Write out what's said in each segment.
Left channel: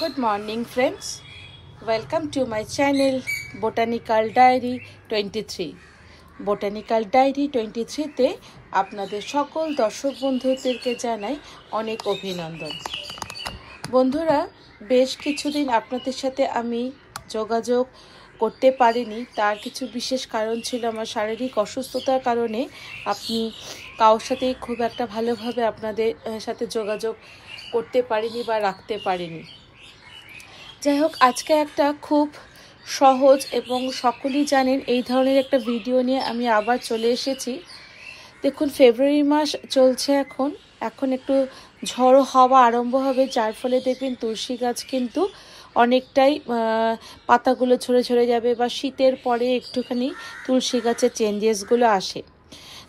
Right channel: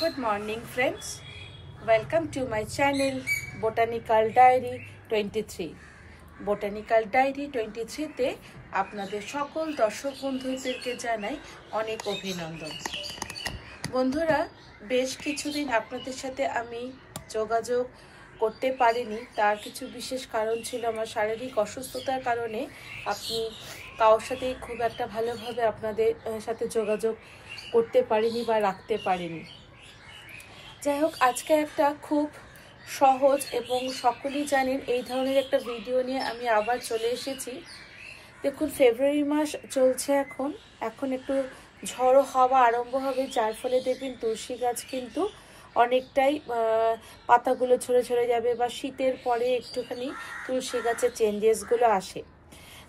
Good morning friends, welcome to my channel Botanical Diary 23. Botanical Diary 23 তে আপনাদের সকল দর্শক বন্ধুদেরকে জানাই অনেক অভিনন্দন। বন্ধুরা, বেশ কিছুদিন আপনাদের সাথে আমি যোগাযোগ করতে পারিনি, তার কিছু বিশেষ কারণ ছিল। আমার শারীরিক অসুস্থতার কারণে আপনি কারোর সাথেই খুব একটা ভালোভাবে আপনাদের সাথে যোগাযোগ করতে পারিনি বা রাখতে পারিনি। যাই হোক, আজকে একটা খুব সহজ এবং সকলেই জানেন এই ধরনের একটা ভিডিও নিয়ে আমি আবার চলে এসেছি। দেখুন, ফেব্রুয়ারি মাস চলছে, এখন একটু ঝড়ো হাওয়া আরম্ভ হবে, যার ফলে দেখবেন তুলসী গাছ কিন্তু অনেকটাই পাতাগুলো ঝরে ঝরে যাবে বা শীতের পরে একটুখানি তুলসী গাছের চেঞ্জেসগুলো আসে।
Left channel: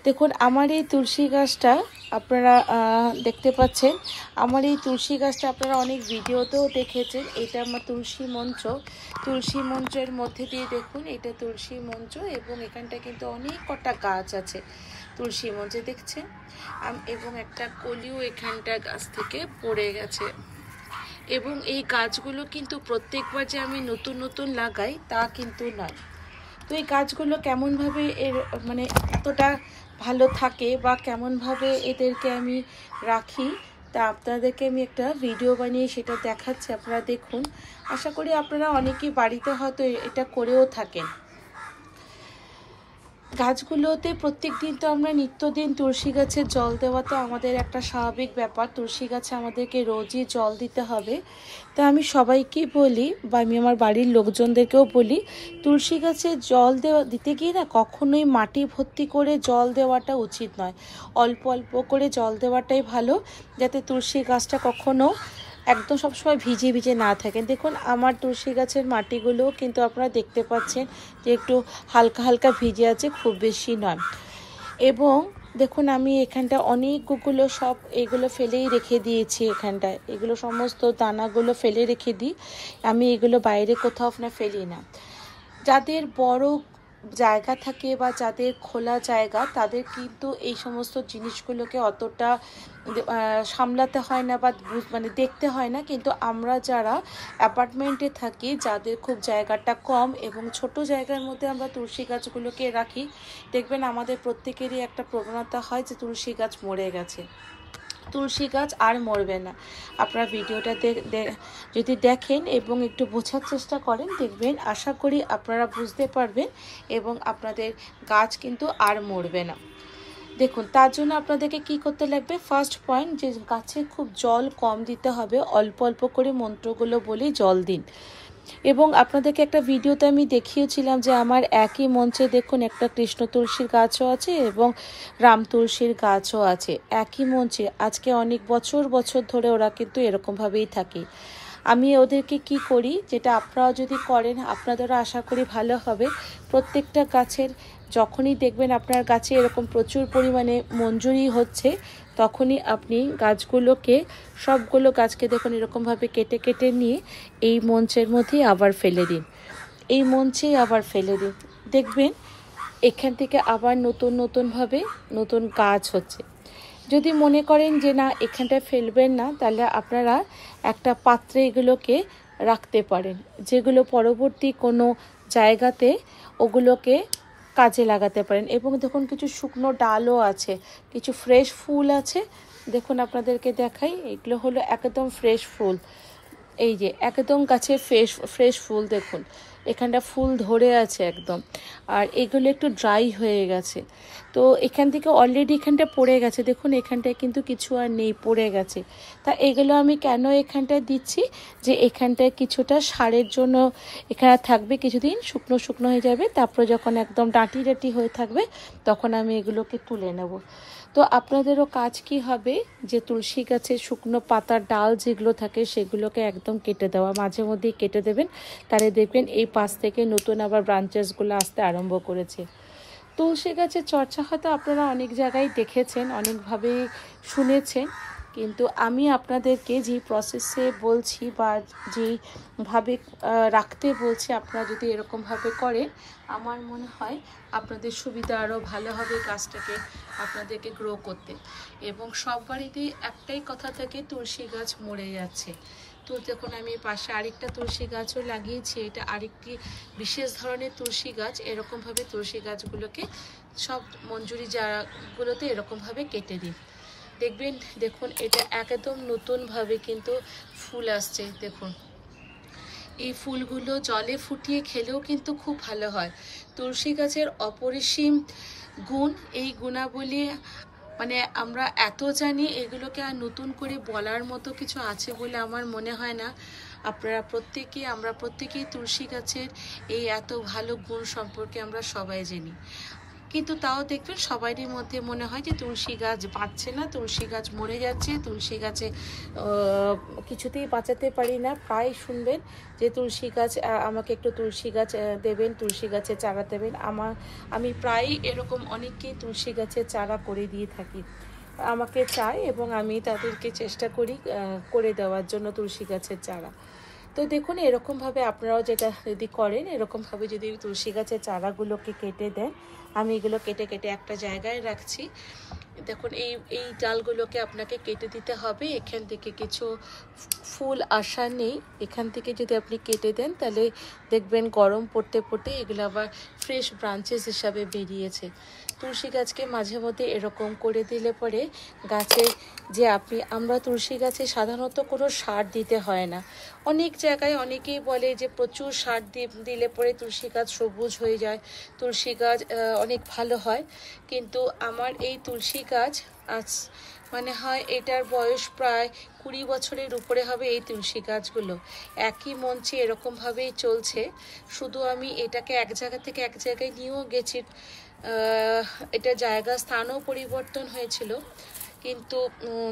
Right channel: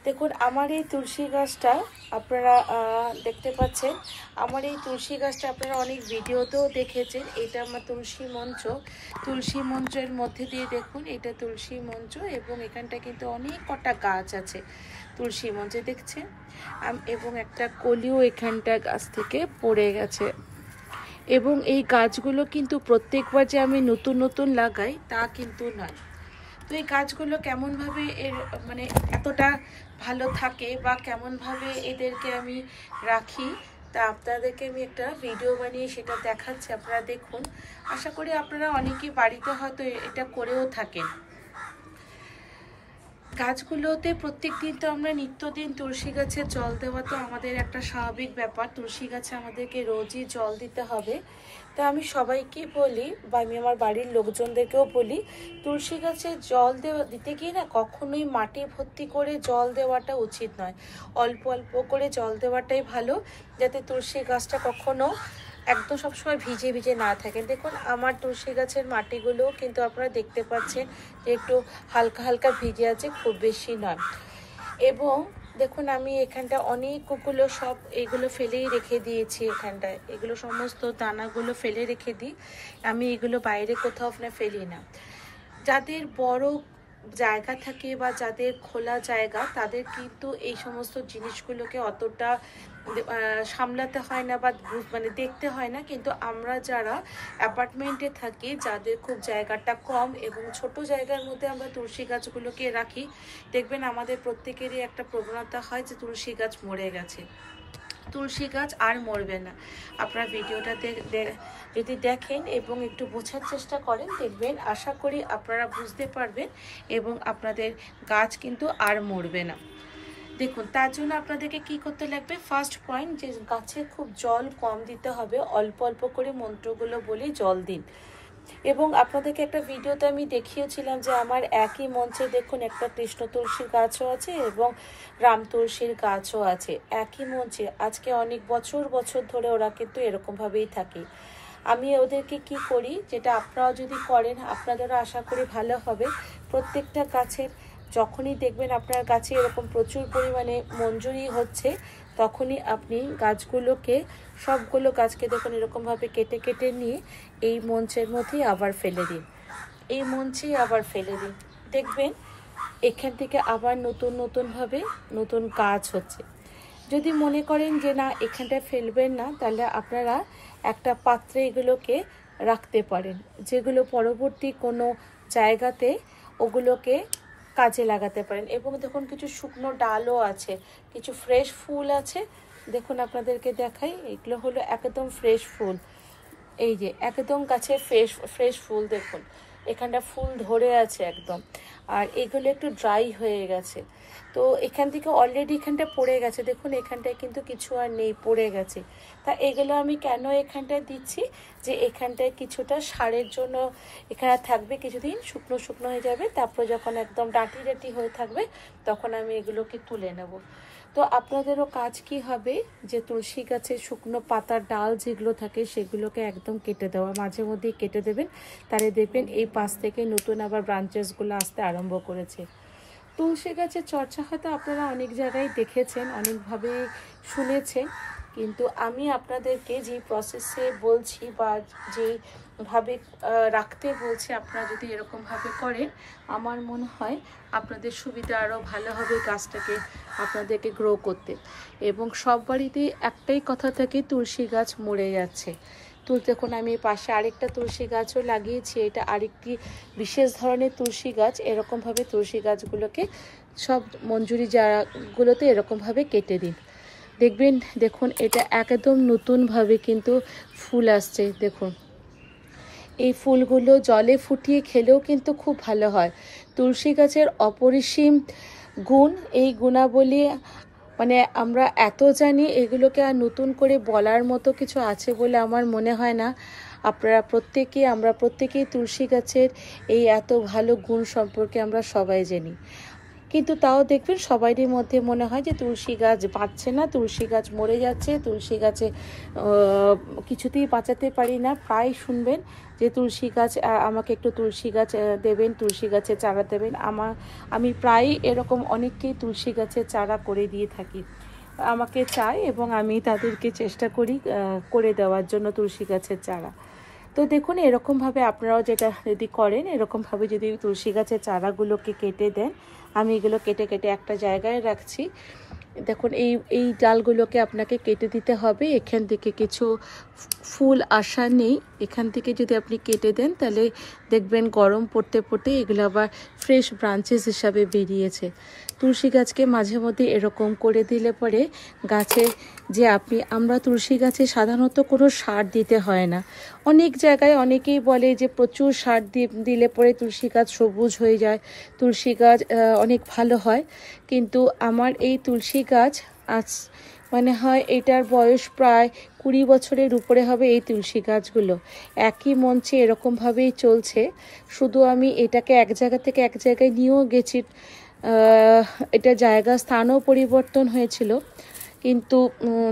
দেখুন, আমার এই তুলসী গাছটা আপনারা দেখতে পাচ্ছেন। আমার এই তুলসী গাছটা আপনারা অনেক ভিডিওতেও দেখেছেন। এটা আমার তুলসী মঞ্চের মধ্যে দিয়ে দেখুন, এটা তুলসী মঞ্চ এবং এখানটা কিন্তু অনেক কটা গাছ আছে তুলসী মঞ্চে দেখছেন, এবং একটা কলিও এখানটা গাছ থেকে পড়ে গেছে। এবং এই গাছগুলো কিন্তু প্রত্যেকবার যে আমি নতুন নতুন লাগাই তা কিন্তু নয়। তো এই গাছগুলো কেমনভাবে মানে এতটা ভালো থাকে বা কেমনভাবে এদেরকে আমি রাখি তা আপনাদেরকে আমি একটা ভিডিও বানিয়ে সেটা দেখাচ্ছি, আপনারা দেখুন। আশা করি আপনারা অনেকেই বাড়িতে হয়তো এটা করেও থাকেন। গাছগুলোতে প্রত্যেক দিন তো আমরা নিত্যদিন তুলসী গাছে জল দেওয়া তো আমাদের একটা স্বাভাবিক ব্যাপার। তুলসী গাছে আমাদেরকে রোজই জল দিতে হবে। তো আমি সবাইকে বলি বা আমি আমার বাড়ির লোকজনদেরকেও বলি, তুলসী গাছে জল দিতে গিয়ে না কখনোই মাটি ভর্তি করে জল দেওয়াটা উচিত নয়। অল্প অল্প করে জল দেওয়াটাই ভালো, যাতে তুলসী গাছটা কখনো একদম সবসময় ভিজে ভিজে না থাকেন। দেখুন, আমার তুলসী গাছের মাটিগুলো কিন্তু আপনারা দেখতে পাচ্ছেন যে একটু হালকা হালকা ভিজে আছে, খুব বেশি নয়। এবং দেখুন, আমি এখানটা অনেকগুলো এগুলো ফেলেই রেখে দিয়েছি। এখানটায় এগুলো সমস্ত দানাগুলো ফেলে রেখে দিই আমি, এগুলো বাইরে কোথাও না ফেলি না। যাদের বড় জায়গা থাকে বা যাদের খোলা জায়গা, তাদের কিন্তু এই সমস্ত জিনিসগুলোকে অতটা সামলাতে হয় না বা মানে দেখতে হয় না। কিন্তু আমরা যারা অ্যাপার্টমেন্টে থাকি, যাদের খুব জায়গাটা কম এবং ছোট জায়গার মধ্যে আমরা তুলসী গাছগুলোকে রাখি, দেখবেন আমাদের প্রত্যেকেরই একটা প্রবণতা হয় যে তুলসী গাছ মরে গেছে। তুলসী গাছ আর মরবে না। আপনারা ভিডিওটা যদি দেখেন এবং একটু বোঝার চেষ্টা করেন, দেখবেন আশা করি আপনারা বুঝতে পারবেন এবং আপনাদের গাছ কিন্তু আর মরবে না। দেখুন, তার জন্য আপনাদেরকে কি করতে লাগবে, ফার্স্ট পয়েন্ট, যে গাছে খুব জল কম দিতে হবে, অল্প অল্প করে মন্ত্রগুলো বলি জল দিন। এবং আপনাদেরকে একটা ভিডিওতে আমি দেখিয়েছিলাম যে আমার একই মঞ্চে দেখুন একটা কৃষ্ণ তুলসীর গাছও আছে এবং রাম তুলসীর গাছও আছে একই মঞ্চে। আজকে অনেক বছর ধরে ওরা কিন্তু এরকমভাবেই থাকে। আমি ওদেরকে কি করি, যেটা আপনারা যদি করেন আপনাদেরও আশা করি ভালো হবে। প্রত্যেকটা গাছের যখনই দেখবেন আপনার গাছে এরকম প্রচুর পরিমাণে মঞ্জুরি হচ্ছে, তখনই আপনি গাছগুলোকে সবগুলো গাছকে দেখুন এরকমভাবে কেটে কেটে নিয়ে এই মঞ্চের মধ্যেই আবার ফেলে দিন। এই মঞ্চেই আবার ফেলে দিন, দেখবেন এখান থেকে আবার নতুনভাবে নতুন গাছ হচ্ছে। যদি মনে করেন যে না এখানটায় ফেলবেন না, তাহলে আপনারা একটা পাত্রে এগুলোকে রাখতে পারেন, যেগুলো পরবর্তী কোনো জায়গাতে ওগুলোকে কাজে লাগাতে পারেন। এবং দেখুন, কিছু শুকনো ডালও আছে, কিছু ফ্রেশ ফুল আছে। দেখুন আপনাদেরকে দেখাই, এগুলো হলো একদম ফ্রেশ ফুল। এই যে একদম গাছে ফ্রেশ ফুল, দেখুন এখানটা ফুল ধরে আছে একদম, আর এগুলো একটু ড্রাই হয়ে গেছে। তো এখান থেকে অলরেডি এখানটা পড়ে গেছে, দেখুন এখানটায় কিন্তু কিছু আর নেই, পড়ে গেছে। তা এগুলো আমি কেন এখানটায় দিচ্ছি, যে এখানটায় কিছুটা সারের জন্য এখানে থাকবে, কিছুদিন শুকনো হয়ে যাবে, তারপরে যখন একদম ডাঁটি হয়ে থাকবে তখন আমি এগুলোকে তুলে নেব। তো আপনাদেরও কাজ কি হবে, যে তুলসী গাছের শুকনো পাতার ডাল যেগুলো থাকে সেগুলোকে একদম কেটে দেওয়া, মাঝে মধ্যেই কেটে দেবেন, তাহলে দেখবেন এই পাশ থেকে নতুন আবার ব্রাঞ্চেসগুলো আসতে আরম্ভ করেছে। তুলসী গাছের চর্চা হয়তো আপনারা অনেক জায়গায় দেখেছেন, অনেকভাবে শুনেছেন, কিন্তু আমি আপনাদেরকে যে প্রসেসে বলছি বা যেভাবে রাখতে বলছি, আপনারা যদি এরকমভাবে করেন, আমার মনে হয় আপনাদের সুবিধা আরও ভালো হবে গাছটাকে আপনাদেরকে গ্রো করতে। এবং সব বাড়িতেই একটাই কথা থাকে, তুলসী গাছ মরে যাচ্ছে। তো দেখুন আমি পাশে আরেকটা তুলসী গাছও লাগিয়েছি। এটা আরেকটি বিশেষ ধরনের তুলসী গাছ। এরকমভাবে তুলসী গাছগুলোকে সব মঞ্জুরি জায়গাগুলোতে এরকমভাবে কেটে দিন। দেখবেন দেখুন এটা একদম নতুনভাবে কিন্তু ফুল আসছে। দেখুন এই ফুলগুলো জলে ফুটিয়ে খেলেও কিন্তু খুব ভালো হয়। তুলসী গাছের অপরিসীম গুণ, এই গুণাবলী মানে আমরা এত জানি, এগুলোকে আর নতুন করে বলার মতো কিছু আছে বলে আমার মনে হয় না। আমরা প্রত্যেকেই তুলসী গাছের এই এত ভালো গুণ সম্পর্কে আমরা সবাই জানি, কিন্তু তাও দেখবেন সবারই মধ্যে মনে হয় যে তুলসী গাছ বাঁচছে না, তুলসী গাছ মরে যাচ্ছে, তুলসী গাছে কিছুতেই বাঁচাতে পারি না। প্রায় শুনবেন যে তুলসী গাছ আমাকে একটু তুলসী গাছ দেবেন, তুলসী গাছের চারা দেবেন। আমি প্রায়ই এরকম অনেককেই তুলসী গাছের চারা করে দিয়ে থাকি, আমাকে চায় এবং আমি তাদেরকে চেষ্টা করি করে দেওয়ার জন্য তুলসী গাছের চারা। তো দেখুন এরকমভাবে আপনারাও যেটা যদি করেন, এরকমভাবে যদি তুলসী গাছের চারাগুলোকে কেটে দেন, আমি এগুলো কেটে কেটে একটা জায়গায় রাখছি। দেখুন এই ডালগুলোকে আপনাকে কেটে দিতে হবে। এখান থেকে কিছু ফুল আসা নেই, এখান থেকে যদি আপনি কেটে দেন তাহলে দেখবেন গরম পড়তে পড়তে এগুলো আবার ফ্রেশ ব্রাঞ্চেস হিসাবে বেরিয়েছে। তুলসী গাছকে মাঝে মধ্যে এরকম করে দিলে পরে গাছে যে আমরা তুলসী গাছে সাধারণত কোনো সার দিতে হয় না। অনেক জায়গায় অনেকেই বলে যে প্রচুর সার দিলে পরে তুলসী গাছ সবুজ হয়ে যায়, তুলসী গাছ অনেক ভালো হয়। কিন্তু আমার এই তুলসী গাছ আজ মানে হয় এটার বয়স প্রায় 20 বছরের উপরে হবে। এই তুলসী গাছগুলো একই মঞ্চে এরকমভাবেই চলছে। শুধু আমি এটাকে এক জায়গা থেকে এক জায়গায় নিয়েও গেছি, এটা স্থানও পরিবর্তন হয়েছিল, কিন্তু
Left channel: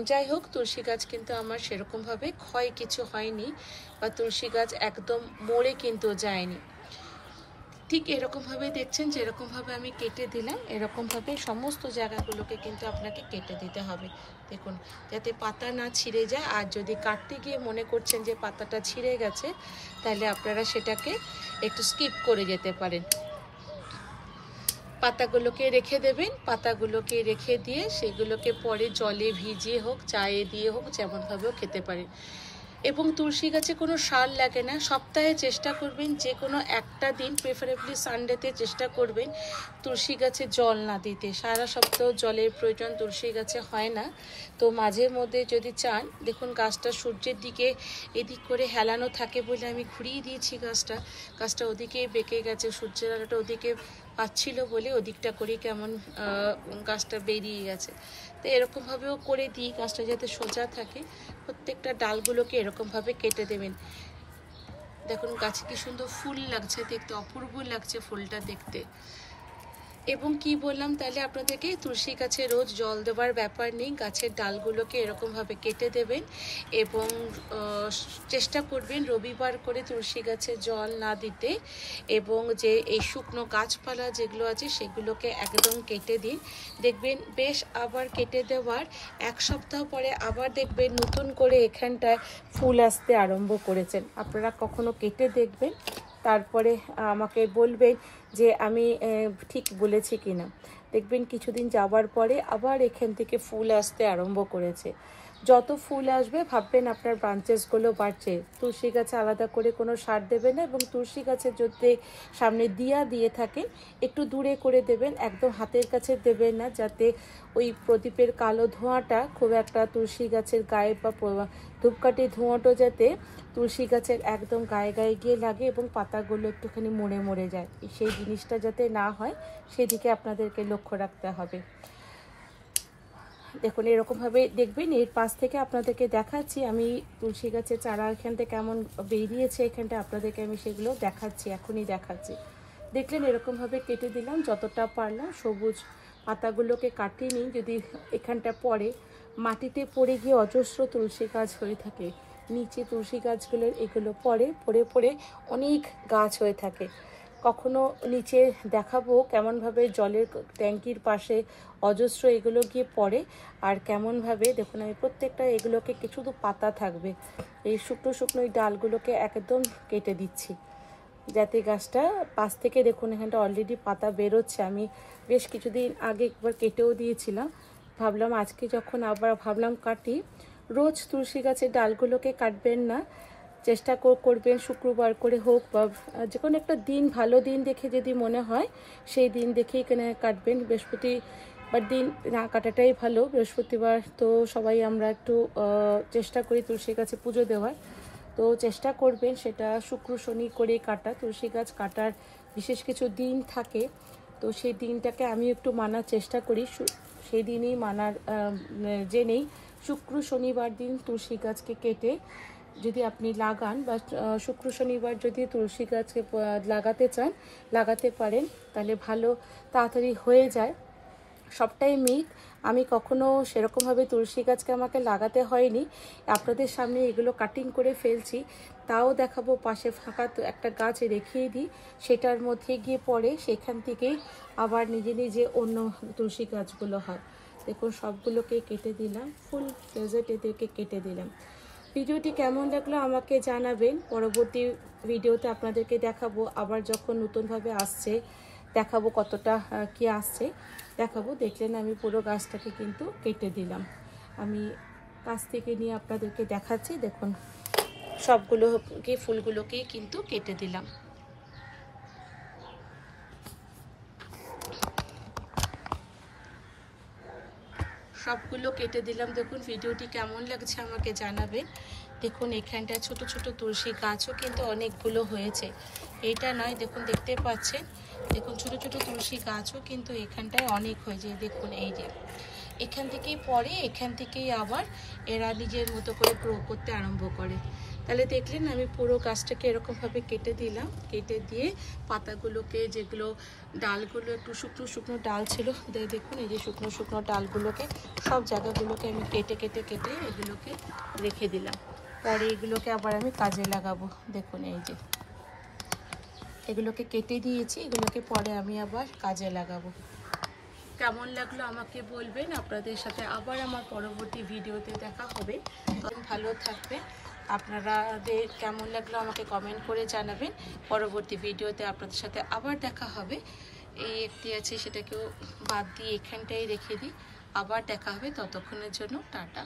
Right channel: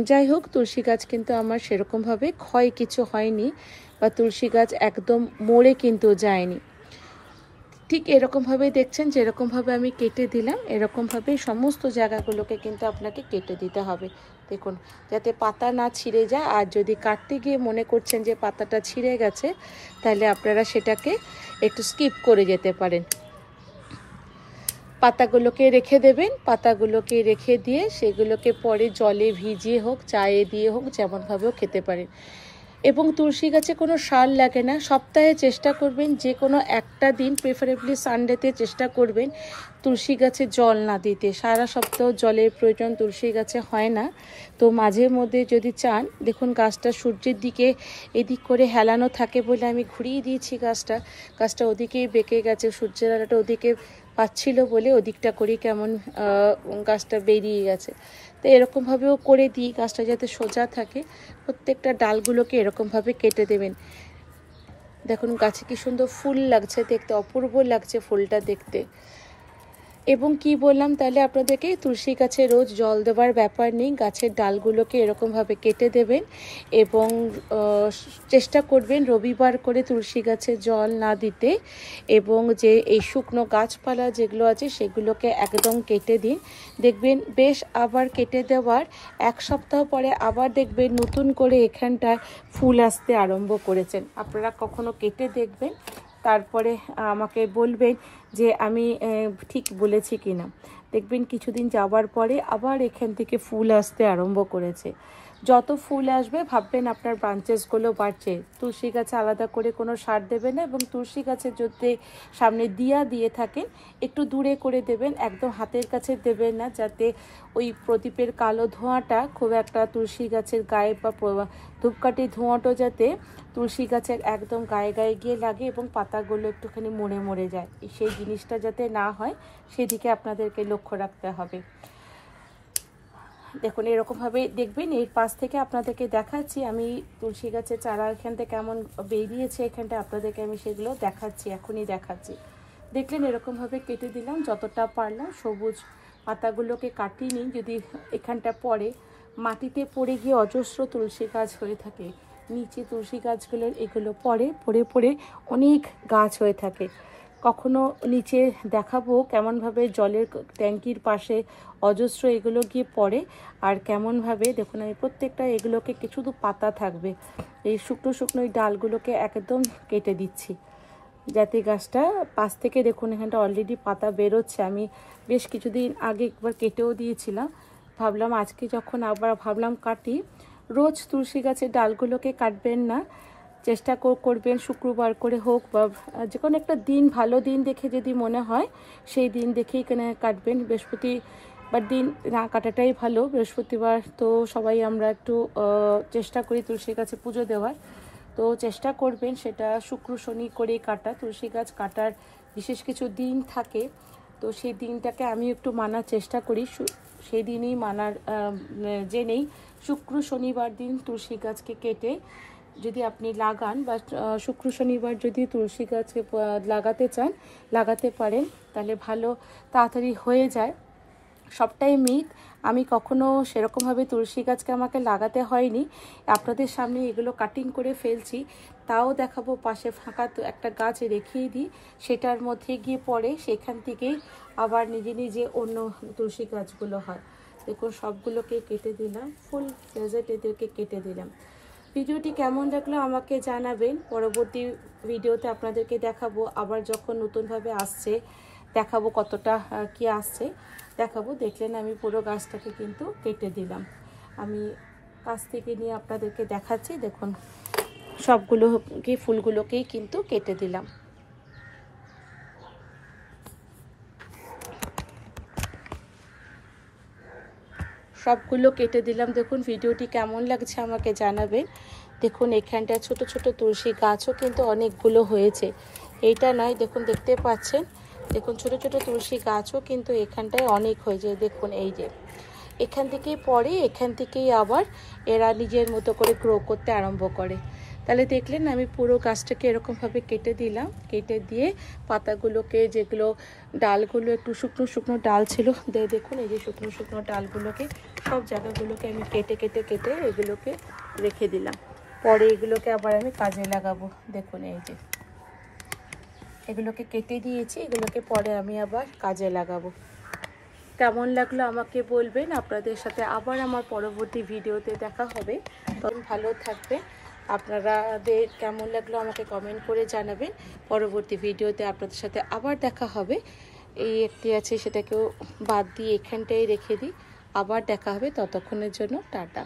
যাই হোক তুলসী গাছ কিন্তু আমার সেরকমভাবে ক্ষয় কিছু হয়নি বা তুলসী গাছ একদম মরে কিন্তু যায়নি। ঠিক এরকমভাবে দেখছেন যেরকমভাবে আমি কেটে দিলাম, এরকমভাবেই সমস্ত জায়গাগুলোকে কিন্তু আপনাকে কেটে দিতে হবে। দেখুন যাতে পাতা না ছিঁড়ে যায়, আর যদি কাটতে গিয়ে মনে করছেন যে পাতাটা ছিঁড়ে গেছে তাহলে আপনারা সেটাকে একটু স্কিপ করে যেতে পারেন। পাতাগুলোকে রেখে দেবেন, পাতাগুলোকে রেখে দিয়ে সেগুলোকে পরে জলে ভিজিয়ে হোক, চায়ে দিয়ে হোক, যেমনভাবেও খেতে পারেন। এবং তুলসী গাছে কোনো সার লাগে না। সপ্তাহে চেষ্টা করবেন যে কোনো একটা দিন, প্রেফারেবলি সানডেতে চেষ্টা করবেন তুলসী গাছে জল না দিতে। সারা সপ্তাহ জলের প্রয়োজন তুলসী গাছে হয় না। তো মাঝে মধ্যে যদি চান, দেখুন গাছটা সূর্যের দিকে এদিক করে হেলানো থাকে বলে আমি ঘুরিয়ে দিয়েছি গাছটা ওদিকেই বেঁকে গেছে, সূর্যের আলোটা ওদিকে পাচ্ছিল বলে ওদিকটা করি কেমন গাছটা বেরিয়ে গেছে। তো এরকমভাবেও করে দিই গাছটা যাতে সোজা থাকে। প্রত্যেকটা ডালগুলোকে এরকমভাবে কেটে দেবেন। দেখুন গাছে কি সুন্দর ফুল লাগছে দেখতে, অপূর্ব লাগছে ফুলটা দেখতে। এবং কি বললাম তাহলে আপনাদেরকে, তুলসী গাছে রোজ জল দেওয়ার ব্যাপার নেই, গাছের ডালগুলোকে এরকমভাবে কেটে দেবেন এবং চেষ্টা করবেন রবিবার করে তুলসী গাছে জল না দিতে। এবং যে এই শুকনো গাছপালা যেগুলো আছে সেগুলোকে একদম কেটে দিন। দেখবেন বেশ আবার কেটে দেওয়ার এক সপ্তাহ পরে আবার দেখবেন নতুন করে এখানটায় ফুল আসতে আরম্ভ করেছেন। আপনারা কখনো কেটে দেখবেন, তারপরে আমাকে বলবেন যে আমি ঠিক বলেছি কিনা। দেখবেন কিছুদিন যাওয়ার পরে আবার এখান থেকে ফুল আসতে আরম্ভ করেছে। যত ফুল আসবে ভাববেন আপনার ব্রাঞ্চেসগুলো বাড়ছে। তুলসী গাছে আলাদা করে কোনো সার দেবে না, এবং তুলসী গাছের যদি সামনে দিয়ে থাকেন একটু দূরে করে দেবেন, একদম হাতের কাছে দেবেন না, যাতে ওই প্রদীপের কালো ধোঁয়াটা খুব একটা তুলসী গাছের গায়ে বা ধূপকাঠির ধোঁয়াটা যাতে তুলসী গাছের একদম গায়ে গায়ে গিয়ে লাগে এবং পাতাগুলো একটুখানি মরে যায়, সেই জিনিসটা যাতে না হয় সেদিকে আপনাদেরকে লক্ষ্য রাখতে হবে। দেখুন এরকমভাবে দেখবেন। এর পাশ থেকে আপনাদেরকে দেখাচ্ছি আমি তুলসী গাছের চারা এখানটা কেমন বেরিয়েছে, এখানটা আপনাদেরকে আমি সেগুলো দেখাচ্ছি, এখনই দেখাচ্ছি। দেখলেন এরকমভাবে কেটে দিলাম যতটা পারলাম। সবুজ পাতাগুলোকে কাটিয়ে নিন, যদি এখানটা পড়ে মাটিতে পড়ে গিয়ে অজস্র তুলসী গাছ হয়ে থাকে। নিচে তুলসী গাছগুলোর এগুলো পড়ে অনেক গাছ হয়ে থাকে। কখনো নিচে দেখাবো কেমনভাবে জলের ট্যাঙ্কির পাশে অজস্র এগুলো গিয়ে পড়ে, আর কেমনভাবে দেখুন আমি প্রত্যেকটা এগুলোকে কিছু তো পাতা থাকবে, এই শুকনো শুকনো ডালগুলোকে একদম কেটে দিচ্ছি যাতে গাছটা পাশ থেকে দেখুন এখানটা অলরেডি পাতা বেরোচ্ছে। আমি বেশ কিছুদিন আগে একবার কেটেও দিয়েছিলাম, ভাবলাম আজকে যখন আবার ভাবলাম কাটি, রোজ তুলসী গাছের ডালগুলোকে কাটবেন না, চেষ্টা করবেন শুক্রবার করে হোক বা যে কোনো একটা দিন, ভালো দিন দেখে যদি মনে হয় সেই দিন দেখেই কাটবেন। বৃহস্পতিবার দিন না কাটাটাই ভালো। বৃহস্পতিবার তো সবাই আমরা একটু চেষ্টা করি তুলসী গাছে পুজো দেওয়ার, তো চেষ্টা করবেন সেটা শুক্র শনি করে কাটা। তুলসী গাছ কাটার বিশেষ কিছু দিন থাকে, তো সেই দিনটাকে আমি একটু মানার চেষ্টা করি, সেই দিনই মানার জেনেই শুক্র শনিবার দিন তুলসী গাছকে কেটে যদি আপনি লাগান বা শুক্র শনিবার যদি তুলসী গাছকে লাগাতে চান লাগাতে পারেন, তাহলে ভালো তাড়াতাড়ি হয়ে যায়। সবটাই মিথ, আমি কখনো সেরকমভাবে তুলসী গাছকে আমাকে লাগাতে হয়নি। আপনাদের সামনে এগুলো কাটিং করে ফেলছি, তাও দেখাবো। পাশে ফাঁকা তো একটা গাছ রেখেই দিই, সেটার মধ্যে গিয়ে পড়ে, সেখান থেকেই আবার নিজে নিজে অন্য তুলসী গাছগুলো হয়। দেখুন সবগুলোকে কেটে দিলাম, ফুল ডেজার্ট এদেরকে কেটে দিলাম। ভিডিওটি কেমন লাগলো আমাকে জানাবেন। পরবর্তী ভিডিওতে আপনাদেরকে দেখাবো, আবার যখন নতুনভাবে আসছে দেখাবো কতটা কি আসছে দেখাবো। দেখলেন আমি পুরো গাছটাকে কিন্তু কেটে দিলাম। আমি কাছ থেকে নিয়ে আপনাদেরকে দেখাচ্ছি। দেখুন সবগুলো কি ফুলগুলোকেই কিন্তু কেটে দিলাম। সবগুলো কেটে দিলাম। দেখুন ভিডিওটি কেমন লাগছে আমাকে জানাবেন। দেখুন এখানটায় ছোট ছোট তুলসী গাছও কিন্তু অনেকগুলো হয়েছে, এইটা নয়। দেখুন দেখতে পাচ্ছেন, দেখুন ছোট ছোট তুলসী গাছও কিন্তু এখানটায় অনেক হয়েছে। দেখুন এই যে এখান থেকেই পরে, এখান থেকেই আবার এরা নিজের মতো করে গ্রো করতে আরম্ভ করে। তাহলে দেখলেন আমি পুরো গাছটাকে এরকমভাবে কেটে দিলাম, কেটে দিয়ে পাতাগুলোকে, যেগুলো ডালগুলো একটু শুকনো শুকনো ডাল ছিল, দেখুন এই যে শুকনো শুকনো ডালগুলোকে সব জায়গাগুলোকে আমি কেটে কেটে কেটে এগুলোকে রেখে দিলাম। পরে এগুলোকে আবার আমি কাজে লাগাবো। দেখুন এই যে এগুলোকে কেটে দিয়েছি, এগুলোকে পরে আমি আবার কাজে লাগাবো। কেমন লাগলো আমাকে বলবেন। আপনাদের সাথে আবার আমার পরবর্তী ভিডিওতে দেখা হবে। তখন ভালো থাকবেন। আপনাদের কেমন লাগলো আমাকে কমেন্ট করে জানাবেন। পরবর্তী ভিডিওতে আপনাদের সাথে আবার দেখা হবে। এই একটি আছে, সেটাকেও বাদ দিয়ে এখানটাই রেখে দিই। আবার দেখা হবে, ততক্ষণের জন্য টাটা।